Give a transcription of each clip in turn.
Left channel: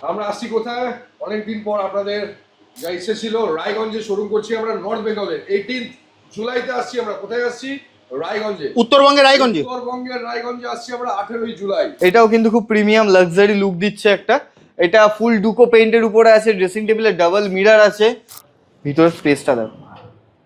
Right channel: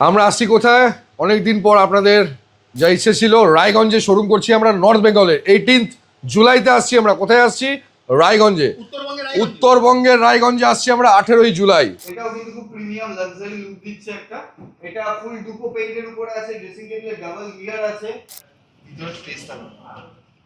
আমরা আসছি কোথায়? অনেকদিন পর আপনাদের যা ইচ্ছে ছিল, রায়গঞ্জে শোরুম করছি আমরা নর্থ বেঙ্গলে। 18 জুলাইতে আসছি আমরা। কোথায় আসছি? রায়গঞ্জে। উত্তরবঙ্গের রায়গঞ্জে। উত্তরবঙ্গের রায়গঞ্জে আসছি আমরা 18 জুলাই। এটাও কিন্তু খুব প্রিমিয়াম লাক্সারি লুক দিচ্ছে একটা। এটা ফুল ডুকো পেইন্টের উপরে আছে, ড্রেসিং টেবিলে ডাবল মিরর আছে, ভিতরের স্পেসটা দেখো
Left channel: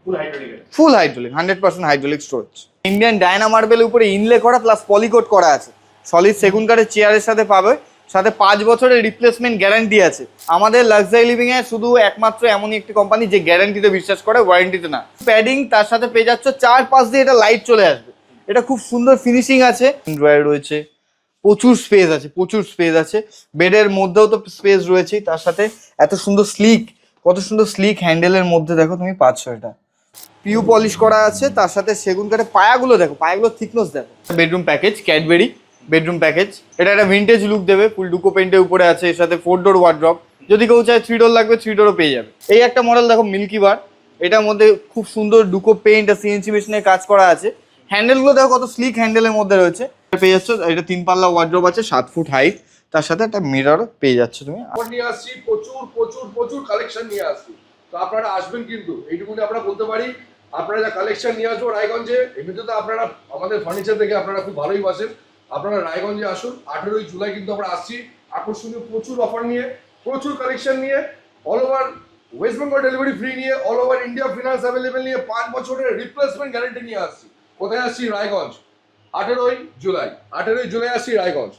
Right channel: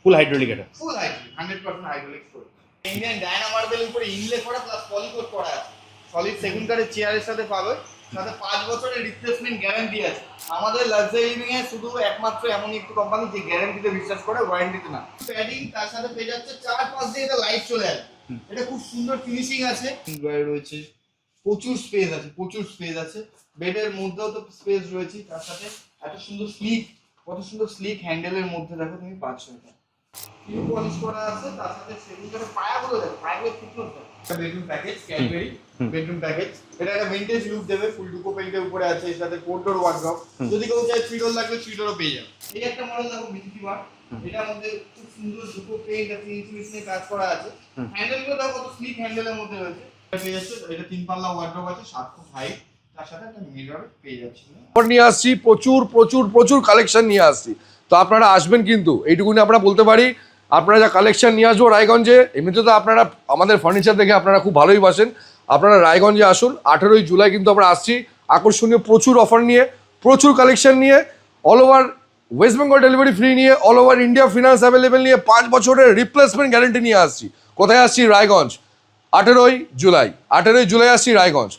ফুল হাইড্রোলিক এটা। ফুল hydraulic, 100% hydraulic storage. Indian Diana মার্বেলের উপরে ইনলে করা প্লাস পলিকোট করা আছে। সলিড সেগুন কাঠের চেয়ারের সাথে পাবে, সাথে 5 বছরের রিপ্লেসমেন্ট গ্যারান্টি আছে। আমাদের লাক্সারি লিভিং এ শুধু একমাত্র এমনই একটি কোম্পানি যে গ্যারান্টিতে বিশ্বাস করে, ওয়ারেন্টিতে না। প্যাডিং তার সাথে পেয়ে যাচ্ছে, 4 পাশ দিয়ে এটা লাইট চলে আসবে। এটা খুব সুন্দর ফিনিশিং আছে, ড্রয়ার রয়েছে, প্রচুর স্পেস আছে, প্রচুর স্পেস আছে। বেডের মধ্যেও তো স্পেস রয়েছে, তার সাথে এত সুন্দর স্লিক, কত সুন্দর স্লিক হ্যান্ডেলের মধ্যে দেখো তুমি পাচ্ছ। এটা পিউ পলিশ করা আছে, তার সাথে সেগুন কাঠের পায়াগুলো দেখো, পায়াগুলো থিকনেস দেখো। Bedroom package, Cadbury bedroom package. এটা একটা ভিন্টেজ লুক দেবে, ফুল ডুকো পেইন্টের উপরে আছে, এর সাথে 4 ডোর ওয়ার্ড্রপ। যদি কেউ চায় 3 ডোর লাগবে 3 ডোরও পেয়ে যাবে। এই একটা মডেল দেখো, মিল্কি বার। এটার মধ্যে খুব সুন্দর ডুকো পেইন্ট আর সিএনসি মেশিনে কাজ করা আছে। হ্যান্ডেলগুলো দেখো কত স্লিক হ্যান্ডেলের মধ্যে রয়েছে। পেয়ে যাচ্ছ এটা 3 পাল্লা ওয়ার্ড্রপ আছে, 7 ফুট হাইট, তার সাথে একটা মিরর পেয়ে যাচ্ছ তুমি। নিয়ে আসছি প্রচুর প্রচুর প্রচুর কালেকশন নিয়ে আসছি। তো আপনারা আসবেন কিন্তু, এইটুকুনি আমরা বলতে পারি। আপনারা যা কালেকশন নিয়ে আসবো রায়গঞ্জে, এমনিতে তো আপনারা আমাদের ফার্নিচার দেখে আপনারা খুব ভালোই বাসেন। আপনারা রায়গঞ্জে আসুন। 18 জুলাই কিন্তু আমরা আসছি আকর্ষণীয় প্রচুর অফার নিয়ে, প্রচুর কালেকশন নিয়ে, all over West Bengal delivery free নিয়ে, all over India finance available নিয়ে, 5 বছরের রিপ্লেসমেন্ট গ্যারেন্টি নিয়ে আসছি। কোথায় আসছি? রায়গঞ্জ। 18 জুলাই, 18 জুলাই আসছি রায়গঞ্জ।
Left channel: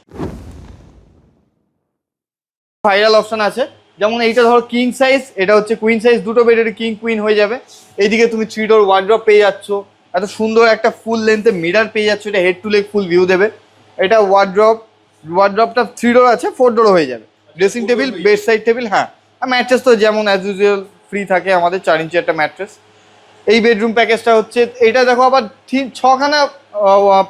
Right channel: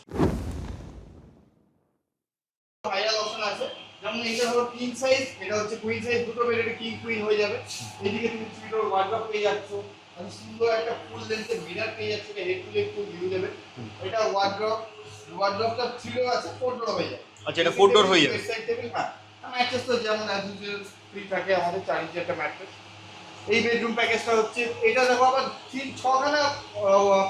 ভাইরাল অপশন আছে, যেমন এইটা ধরো কিং সাইজ, এটা হচ্ছে কুইন সাইজ, দুটো বেডের কিং কুইন হয়ে যাবে। এইদিকে তুমি 3 ডোর ওয়ার্ড্রপ পেয়ে যাচ্ছ, এত সুন্দর একটা ফুল লেন্থে মিরর পেয়ে যাচ্ছ। এটা head to leg full view দেবে। এটা ওয়ার্ড্রপটা 3 ডোর আছে, 4 ডোরও হয়ে যাবে। Dressing table, bed side table, হ্যাঁ। আর ম্যাট্রেস তো যেমন অ্যাজ ইউজুয়াল ফ্রি থাকে আমাদের, 4 ইঞ্চি একটা ম্যাট্রেস। এই বেডরুম প্যাকেজটা হচ্ছে, এটা দেখো আবার 6খানা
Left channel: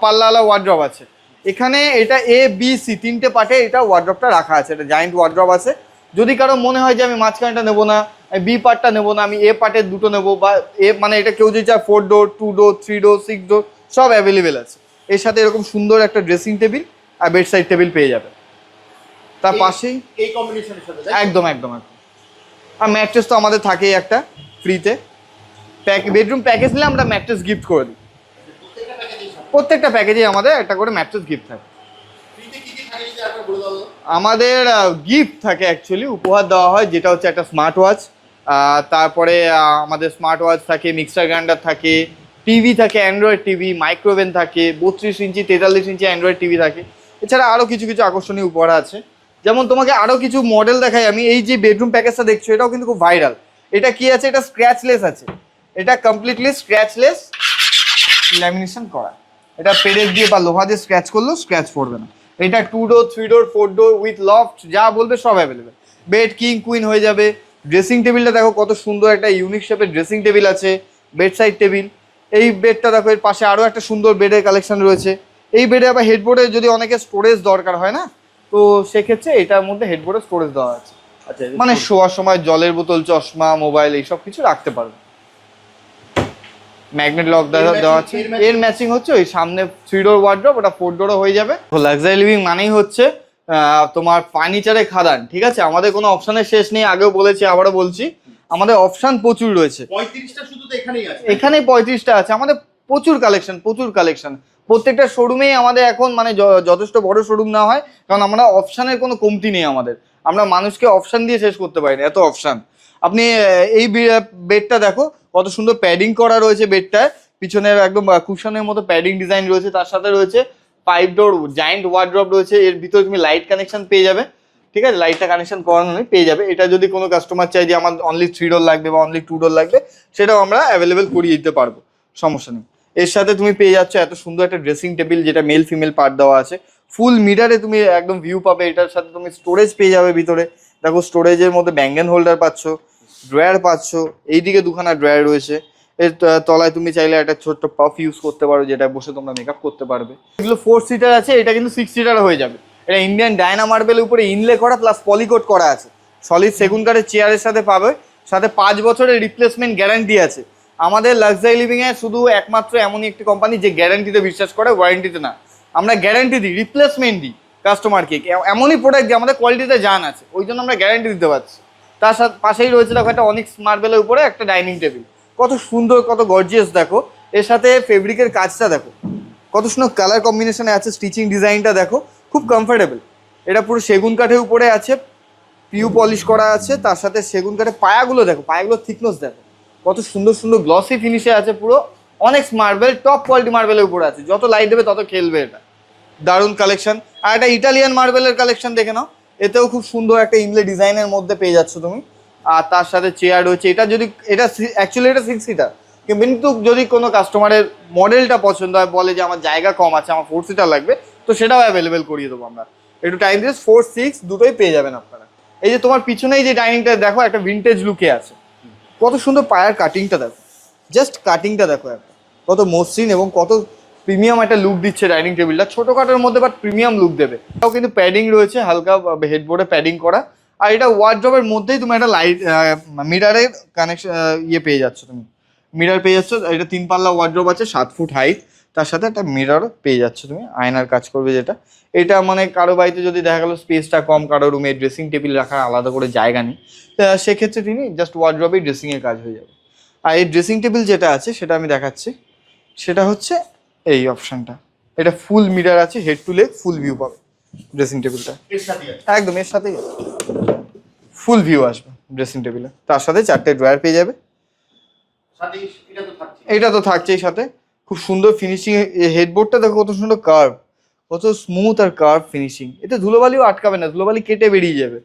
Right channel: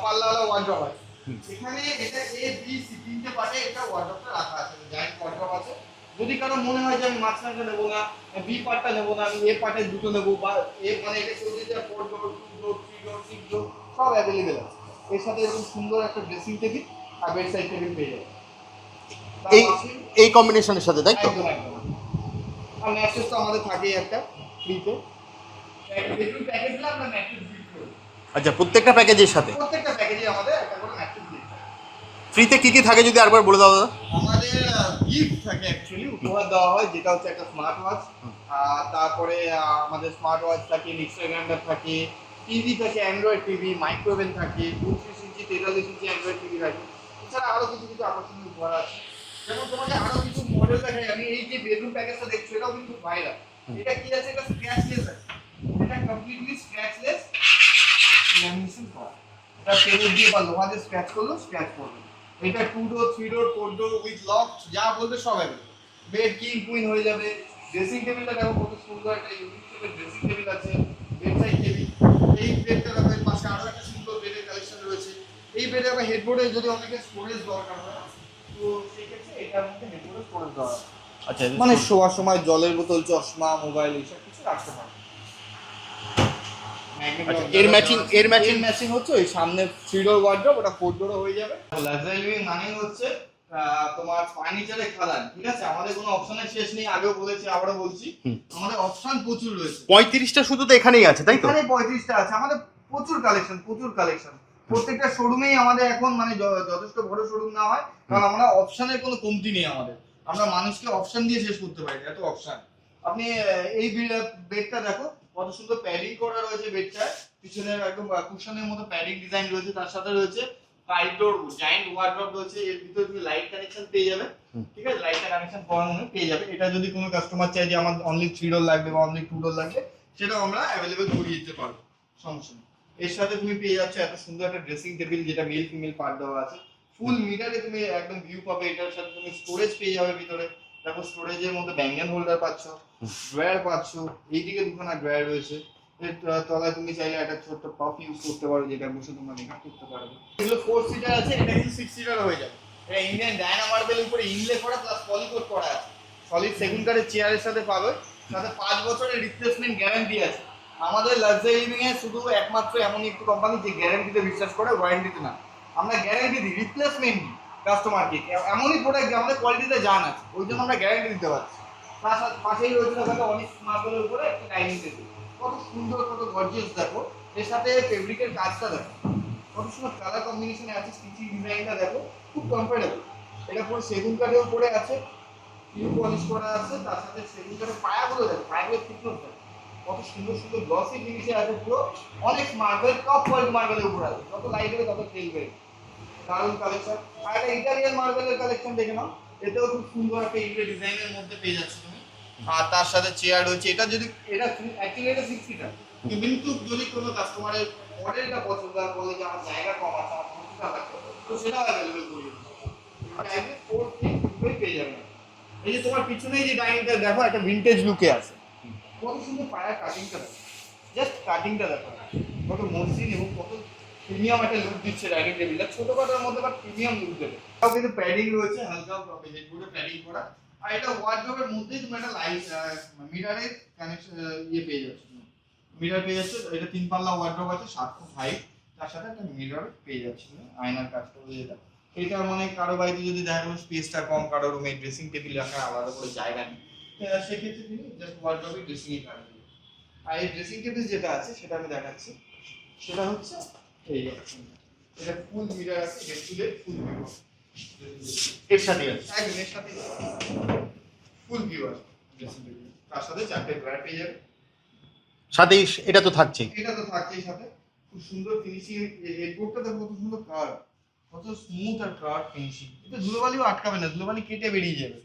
পাল্লাওয়ালা ওয়ার্ড্রপ আছে এখানে। এটা A B C 3টে পার্টে এটা ওয়ার্ড্রপটা রাখা আছে। এটা জায়েন্ট ওয়ার্ড্রপ আছে। যদি কারো মনে হয় যে আমি মাঝখানটা নেবো না, আমি বি পার্টটা নেবো না, আমি এ পার্টের দুটো নেবো, বা মানে এটা কেউ যদি চায় 4 ডোর, 2 ডোর, 3 ডোর, 6 ডোর সব অ্যাভেলেবেল আছে। এর সাথে এরকম সুন্দর একটা ড্রেসিং টেবিল আর বেড সাইড টেবিল পেয়ে যাবে তার পাশেই, এই কম্বিনেশনের সাথে, তাই একদম একদম একদম। আর ম্যাট্রেস তো আমাদের থাকেই একটা ফ্রিতে। বেডরুম প্যাকেজ নিলে আমরা ম্যাট্রেস গিফট করে দিই। আচ্ছা, প্রত্যেকটা প্যাকেজের সাথে, প্রত্যেকটা প্যাকেজে আমাদের একটা করে ম্যাট্রেস গিফট থাকে। ফ্রিতে কি কি থাকে যদি আরেকবার বলে দাও দাদা? আমাদের গিফট থাকে, অ্যাকচুয়ালি উপহার দেওয়া হয়, যেটা হচ্ছে একটা স্মার্ট ওয়াচ। তারপরে আমাদের স্মার্ট ওয়াচ থাকে, মিক্সার গ্রাইন্ডার থাকে, টিভি থাকে, অ্যান্ড্রয়েড টিভি, মাইক্রোওভেন থাকে, 32 ইঞ্চি 43 ইঞ্চি অ্যান্ড্রয়েড টিভি থাকে। এছাড়া আরও কিছু কিছু আকর্ষণীয় উপহার আছে। যেমন তোমাকে আরও কিছু মডেল দেখাই আমি। এই যে বেডরুম প্যাকেজটা দেখছো, এটাও কিন্তু খুব ভাইরাল। এটা কি আছে? এটা স্ক্র্যাচলেস আছে। এটা কমপ্লিটলি স্ক্র্যাচলেস, ল্যামিনেশন করা। এটা পেরেক দিয়ে বা লোহা দিয়ে স্ক্র্যাচ করলেও স্ক্র্যাচ পড়বে না। এটা 2 ডোর, 3 ডোর, 4 ডোর উইথ লফট, যা বলবে সব অ্যাভেলেবেল। বেড কিং কুইন হয়ে যাবে। ড্রেসিং টেবিলটা দেখো কত সুন্দর একটা ইউনিক শেপের ড্রেসিং টেবিল আছে, বেড সাইড টেবিল। এই বেডটা দেখো, এর পাশে আরও একটা সুন্দর বেডের কালেকশন রয়েছে। এই বেডে আবার হেডবোর্ডে যদি অনেকে স্টোরেজ দরকার হয় না, তো সেক্ষেত্রে এটার মধ্যে হেডবোর্ডে স্টোরেজ দেওয়া আছে। আচ্ছা, মানে শোয়ার সময় জলের বোতল, চশমা, মোবাইল এইসব কিছু রাখতে পারবে। ম্যাগনেট লক দেওয়া আছে। এর ম্যাচিং হচ্ছে ওই সামনে 3 ডোর ওয়ার্ড্রপ, ওটা 4 ডোরও হয়ে যাবে। লাক্সারি লিভিং মানেই হচ্ছে তোমার ফার্নিচারের খাদান, ঠিক আছে? আমাদের কোনো অপশনের শেষ নেই, আগেও বলেছি আবারও বলছি, আমাদের অপশন প্রচুর রয়েছে। 35টা শুধু তো এখানেই আছে, তাই? এখানে 35টা আছে আমাদের। প্রচুর কালেকশন, প্রচুর কালেকশন। প্রত্যেকটা শোরুমেই আমাদের এখন মানে যথেষ্ট বড় শোরুম না হয়, কারণ আমরা অপশনের কোনো কমতি নেই আমাদের। আমরা মানুষকে অপশন দিয়ে শেষ করতে পারি না, এত অপশন। আপনি এই বেডটা দেখো, কত সুন্দর প্যাডিং করা রয়েছে বেডটায়। পিছনের একদম কুশনের মতো প্যাডিং ডিজাইন রয়েছে, তার সাথে রয়েছে 5 ডোর জায়েন্ট ওয়ার্ড্রপ রয়েছে। এর ভিতরে তুমি লাইট কানেকশন পেয়ে যাবে, ঠিক আছে? লাইটটা কানেকশন করানো নেই, পেয়ে যাবে। এটা যদি কোনো কাস্টমার চাই যে আমার অনলি 3 ডোর লাগবে বা অনলি 2 ডোর লাগবে, সেটাও আমরা অ্যাভেলেবেল করিয়ে দিতে পারবো, সমস্যা নেই। এর সাথে তুমি পেয়ে যাচ্ছ এত সুন্দর একটা ড্রেসিং টেবিল, যেটা মেল ফিমেল পার্ট দেওয়া আছে। ফুল মিরারে তুমি একদম ভিউ পাবে। এটার সাথে তুমি স্টোরেজ পেয়ে যাবে ভিতরে। দেখো স্টোরেজের মধ্যে ব্যাঙ্গেন হোল্ডার পাচ্ছ, ড্রয়ার পাচ্ছ। এইদিকে 2খানা ড্রয়ার রয়েছে। এর তলায় তুমি চাইলে একটা ছোট্ট পাফ ইউজ করতে পারো, যেটা বসে তোমরা মেকআপ করতে পারবে। এগুলো 4 সিটার আছে, এটা কিন্তু 6 সিটার হয়ে যাবে। এটা ইন্ডিয়ান ডায়না মার্বেলের উপরে ইনলে করা প্লাস পলিকোট করা আছে। সলিড সেগুন কাঠের চেয়ারের সাথে পাবে, সাথে 5 বছরের রিপ্লেসমেন্ট গ্যারান্টি আছে। আমাদের লাক্সারি লিভিং এ শুধু একমাত্র এমনই একটি কোম্পানি যে গ্যারান্টিতে বিশ্বাস করে, ওয়ারেন্টিতে না। আমরা গ্যারান্টি দিই, রিপ্লেসমেন্ট দিই। কাস্টমার কেক, এমনই প্রোডাক্ট যে আমাদের কোয়ালিটিতে জান আছে, ওই জন্য আমরা গ্যারান্টি দিতে পারছি। তার সাথে পাশেই রয়েছে দেখো একটা অনিক্স মার্বেলের উপরে একটা ডাইনিং টেবিল, কত সুন্দর কত গর্জিয়াস দেখো। এর সাথে ফেব্রিকের কাজটা দেখো কত সুন্দর কালার কম্বিনেশনে আছে, স্টিচিং ডিজাইনটা দেখো খুব কমফোর্টেবল। এটা পুরো সেগুন কাঠের উপরে আছে, পিউ পলিশ করা আছে, তার সাথে সেগুন কাঠের পায়াগুলো দেখো, পায়াগুলোর থিকনেস দেখো কত সুন্দর সুন্দর গ্লসি ফিনিশে আছে, পুরো অনেক্স মার্বেল, টপ কোয়ালিটি মার্বেলের উপরে আছে, যত লাইট দেবে তত খেলবে এটা। দারুণ কালেকশন। আর একটা ইটালিয়ান মার্বেলের কালেকশন দেখে নাও, এতেও খুব সুন্দর একটা ইনলে ডিজাইনের মধ্যে পেয়ে যাচ্ছ তুমি। আর তার সাথে চেয়ার রয়েছে, এটা যদি এটা অ্যাকচুয়ালি এটা 6 সিটার, কিন্তু যদি কোনো কাস্টমারের মডেলটা পছন্দ হয়, বলে যে আমার জায়গা কম আছে, আমার 4 সিটার লাগবে, তো সেটাও অ্যাভেলেবেল করিয়ে দেবো আমরা। একটু টাইম দিয়ে 4, 6 দুটোই পেয়ে যাবেন আপনারা। এই যে তোমার পিছনেই যে ডাইনিংটা দেখো, একটা ভিন্টেজ লুকে আছে, কত সুন্দর পায়ার কাটিংটা দেখো, জাস্ট কাটিংটা দেখো কত মসৃণ এবং কত প্রিমিয়াম একটা লুক দিচ্ছে ডাইনিং টেবিলটা, ছোটোখাটোর মধ্যে বাট প্রিমিয়াম লুক দেবে। এটাও কিন্তু প্যাডিং রয়েছে, হালকা হেডবোর্ডে প্যাডিং করা। আর এটা ওয়ার্ড্রবের মধ্যেই তুমি একটা লাইট মিরারের কানেকশন ইয়ে পেয়ে যাচ্ছ, তুমি মিরার পেয়ে যাচ্ছ। এটা 3 পাল্লা ওয়ার্ড্রব আছে, 7 ফুট হাইট, তার সাথে একটা মিরারও পেয়ে যাচ্ছ তুমি, আয়নার কাজ করবে যেটা। এটা মানে কারো বাড়িতে যদি দেখা গেলো স্পেসটা কম, কারো রুমে ড্রেসিং টেবিল রাখার আলাদা করে জায়গা নেই, সেক্ষেত্রে তিনি জাস্ট ওয়ার্ড্রবেই ড্রেসিংয়ের কাজ হয়ে যাবে। আর এই ড্রেসিং টেবিল যেটা আছে সেটা আমি দেখাচ্ছি, সেটা হচ্ছে এই অপশনটা। এটা ফুল মিরার আছে, head to leg full view পাবে ড্রেসিং টেবিলটা, এর সাথেই আছে। একদম এর সাথেই ফুল ভিউ আসবে ড্রেসিং টেবিলে। তার সাথে 4টে ড্রয়ার পেয়ে যাবে, সাথেই এটা তো থাকছে। এটা তো থাকছেই সাথে। খুব সুন্দর ফিনিশিং, হেডবোর্ডটা দেখো কত সুন্দর কার্ভ, কত স্মুথ আর কার্ভ ফিনিশিং। এতে ধুলোবালিও আটকাবে না, ধুলোবালি কেটে বেরিয়ে যাবে,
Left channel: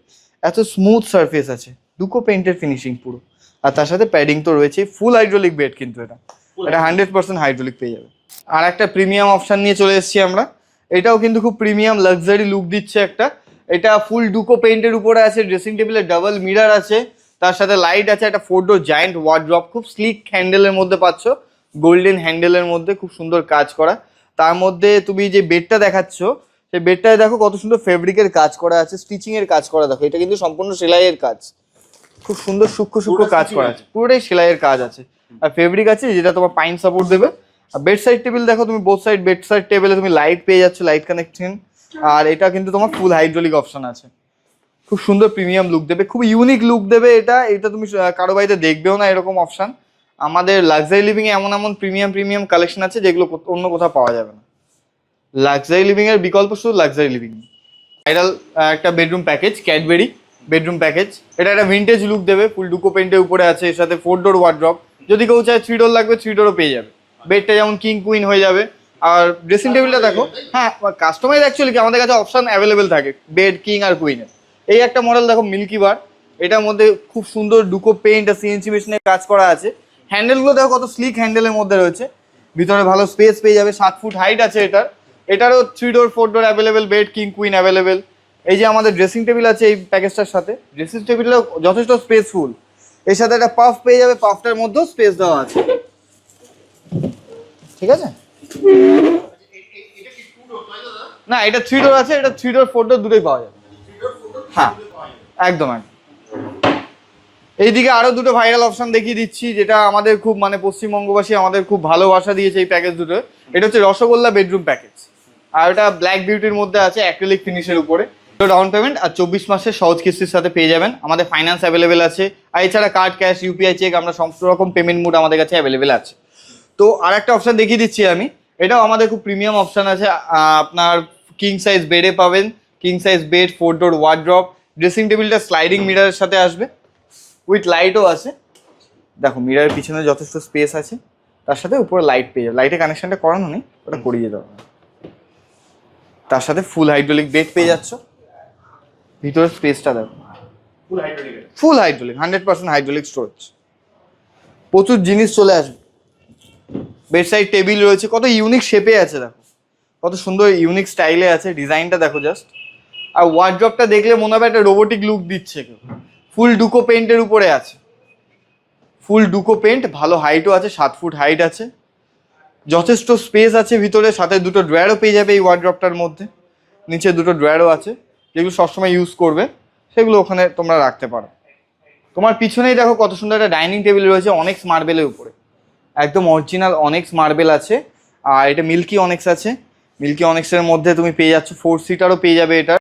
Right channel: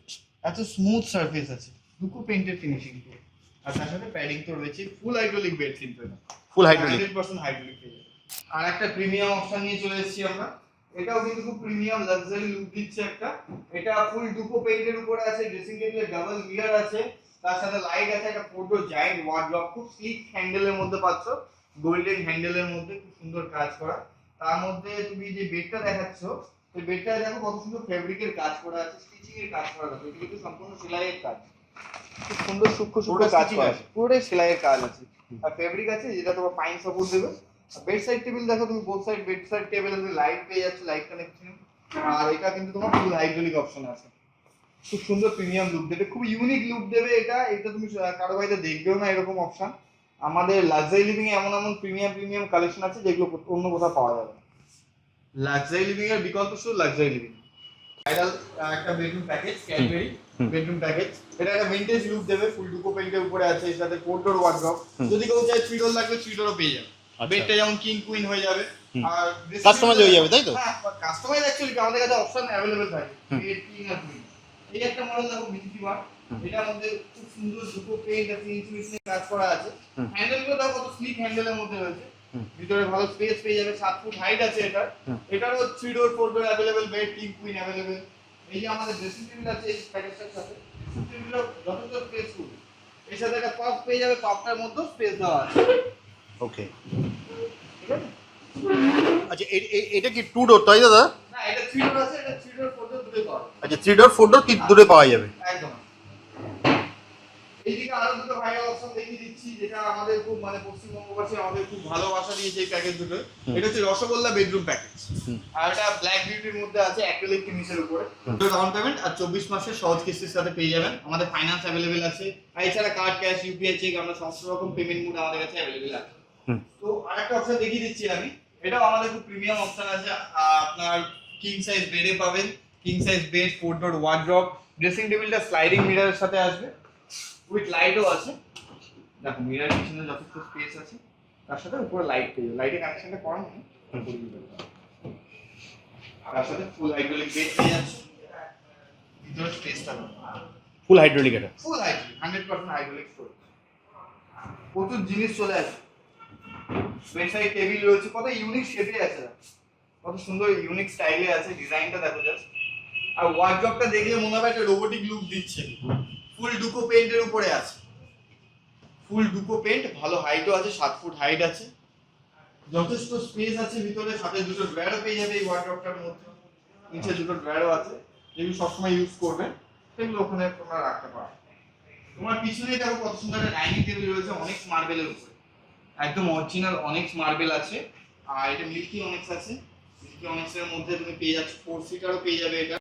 এত স্মুথ সারফেস আছে, দুকো পেইন্টের ফিনিশিং পুরো। আর তার সাথে প্যাডিং তো রয়েছে, ফুল হাইড্রোলিক বেড, কিন্তু এটা Full hydraulic। 100% হাইড্রোলিক পেয়ে যাবে। আর একটা প্রিমিয়াম অপশন নিয়ে চলে এসেছি আমরা, এটাও কিন্তু খুব প্রিমিয়াম লাক্সারি লুক দিচ্ছে একটা। এটা ফুল ডুকো পেইন্টের উপরে আছে, ড্রেসিং টেবিলে ডাবল মিরার আছে, তার সাথে লাইট আছে, একটা 4 ডোর জায়ান্ট ওয়ার্ড্রপ, খুব স্লিক হ্যান্ডেলের মধ্যে পাচ্ছ, গোল্ডেন হ্যান্ডেলের মধ্যে খুব সুন্দর কাজ করা। তার মধ্যে তুমি যে বেডটা দেখাচ্ছ, সেই বেডটায় দেখো কত সুন্দর ফেব্রিকের কাজ করা আছে, স্টিচিং এর কাজ করা দেখো, এটা কিন্তু সম্পূর্ণ সেলাইয়ের কাজ, খুব সুন্দর সূক্ষ্ম সূক্ষ্ম পুরোটা কাজ stitching করা আছে। আছে, পুরোটাই সেলাইয়ের কাজ আছে। আর ফেব্রিক আছে যেটা তোমার পাইন সাপোর্ট দেবে। আর বেড সাইড টেবিল দেখো তুমি, বোথ সাইড বেড সাইড টেবিলে তুমি লাইট পেয়ে যাচ্ছ, লাইট কানেকশন। আর এটা কিন্তু তোমার ফুল হাইড্রোলিক অপশন আছে, খুব সুন্দর প্রিমিয়াম লুক দেবে, খুব ইউনিক লুক দেবে এটা। এটা তুমি কারো বাড়িতে দেখবেও না এরকম অপশন। আমাদের লাক্সারি লিভিং এ এমন এমন প্রিমিয়াম কালেকশন আছে যেগুলো অন্য কোথাও পাওয়া যাবে না। লাক্সারি লিভিং এর বিকল্প শুধু লাক্সারি লিভিং। ভাইরাল একটা bedroom package, Cadbury bedroom package. এটা একটা ভিন্টেজ লুক দেবে, ফুল ডুকো পেইন্টের উপরে আছে, এর সাথে 4 ডোর ওয়ার্ড্রপ। যদি কেউ চায় 3 ডোর লাগবে 3 ডোরও পেয়ে যাবে। বেডটা যেমন কিং কুইন হয়ে যাবে। আর ড্রেসিং টেবিলটা Customize দেখো, হয়ে যাবে, তাই তো? হ্যাঁ কাস্টমাইজ অ্যাকচুয়ালি কি আমাদের কাছে অপশন অ্যাভেলেবেল থাকে বেড কিং আর কুইনের। এই একটা মডেল দেখো মিল্কি বার, এটার মধ্যে খুব সুন্দর ডুকো পেইন্ট আর সিএনসি মেশিনের কাজ করা আছে। হ্যান্ডেলগুলো দেখো কত স্লিক হ্যান্ডেলের মধ্যে রয়েছে, ভিতরে ভালো স্পেস পেয়ে যাবে, 7 ফুট হাইট আছে এটার। এটারও 3 door 4 door available, bed king queen available. এই যে আমাদের ড্রেসিং টেবিল আছে এই প্যাকেজটার সাথে, ড্রেসিং টেবিলটা যথেষ্ট স্পেসফুল। এর সাথে একটা পাফ পেয়ে যাবে, পাফটার মধ্যেও স্পেস দেওয়া আছে। ওকে, ঠিক আছে। আচ্ছা এটা কি 2 ডোর তাই দাদা? না এটা 3 ডোর আছে, এটা 3 ডোর 4 ডোর দুটোই পাওয়া যাবে। আচ্ছা 3 ডোর 4 ডোর কি হ্যাঁ। দূরে পাওয়া যাবে? একদম একদম। এইদিকে আরো দুটো ভাইরাল অপশন দেখিয়ে দিচ্ছি, যেটা আমাদের খুব মানে পশ্চিমবঙ্গবাসী আমাদের খুব ভালোবাসা দিয়েছে এই প্যাকেজ দুটো। এটা হচ্ছে রসগোল্লা বেডরুম প্যাকেজ, আর এটা ব্ল্যাক বিউটির মধ্যে আছে, অ্যাক্রিলিক ফিনিশের উপরে। ডাউন পেমেন্ট আর 24 মাসের সহজ কিস্তির সাথে পেয়ে যাবেন। আমাদের ফাইন্যান্স অ্যাভেলেবেল আছে, আর এছাড়া কার্ড, ক্যাশ, ইউপিআই, চেক, আমরা সমস্ত রকম পেমেন্ট মুড আমাদের কাছে অ্যাভেলেবেল আছে। তো আর একটা অপশন দেখিয়ে দিচ্ছি আমি, এটাও আমাদের খুব প্রিমিয়াম অপশন আছে। আপনার কিং সাইজ বেডে পাবেন, কিং সাইজ বেড, 4 ডোর ওয়ার্ড্রপ, ড্রেসিং টেবিলটা স্লাইডিং মিররের সাথে আসবে, উইথ লাইটও আছে। দেখো মিররের পিছনে যথেষ্ট স্পেস আছে, তার সাথে উপরে লাইট পেয়ে যাবে, লাইটের কানেকশনটা করানো নেই, ওটা করিয়ে যেতে হবে। তার সাথে ফুল হাইড্রোলিক বেড পেয়ে যাচ্ছ, ভিতরের স্পেসটা দেখো ফুল হাইড্রোলিক এটা। ফুল হাইড্রোলিক, 100% হাইড্রোলিক স্টোরেজ, প্রচুর জিনিস চলে আসবে। বেড সাইড টেবিল রয়েছে, কত ইউনিক শেপে আছে দেখো, কত সুন্দর ইউনিক স্টাইলে আছে, ডিজাইনটা দেখো জাস্ট। আর ওয়ার্ড্রপটা দেখলে মনে হবে একটা রোবোটিক লুক দিচ্ছে। ফুল ডুকো পেইন্টের উপরে আছে, ফুল ডুকো পেইন্ট, ভালো হাইটও আছে, 7 ফুট হাইট আছে, যথেষ্ট স্পেস আছে ভিতরে, সাথে দুটো ড্রয়ারও পেয়ে যাবে এই ওয়ার্ড্রপটার মধ্যে। নিচে দুটো ড্রয়ারও আছে, যেগুলো সবসময় ইউজ করবে, সেগুলো ওখানে তোমরা রাখতে পারো। তোমার পিছনেই দেখো কত সুন্দর একটা ডাইনিং টেবিল রয়েছে অনেক্স মার্বেলের উপরে, একদম অরিজিনাল অনেক্স মার্বেল আছে। আর এটা মিল্কি অনেক্স আছে, মিল্কি অনেক্সের মধ্যে তুমি পেয়ে যাচ্ছ 4 সিটারও পেয়ে যাবে এটা।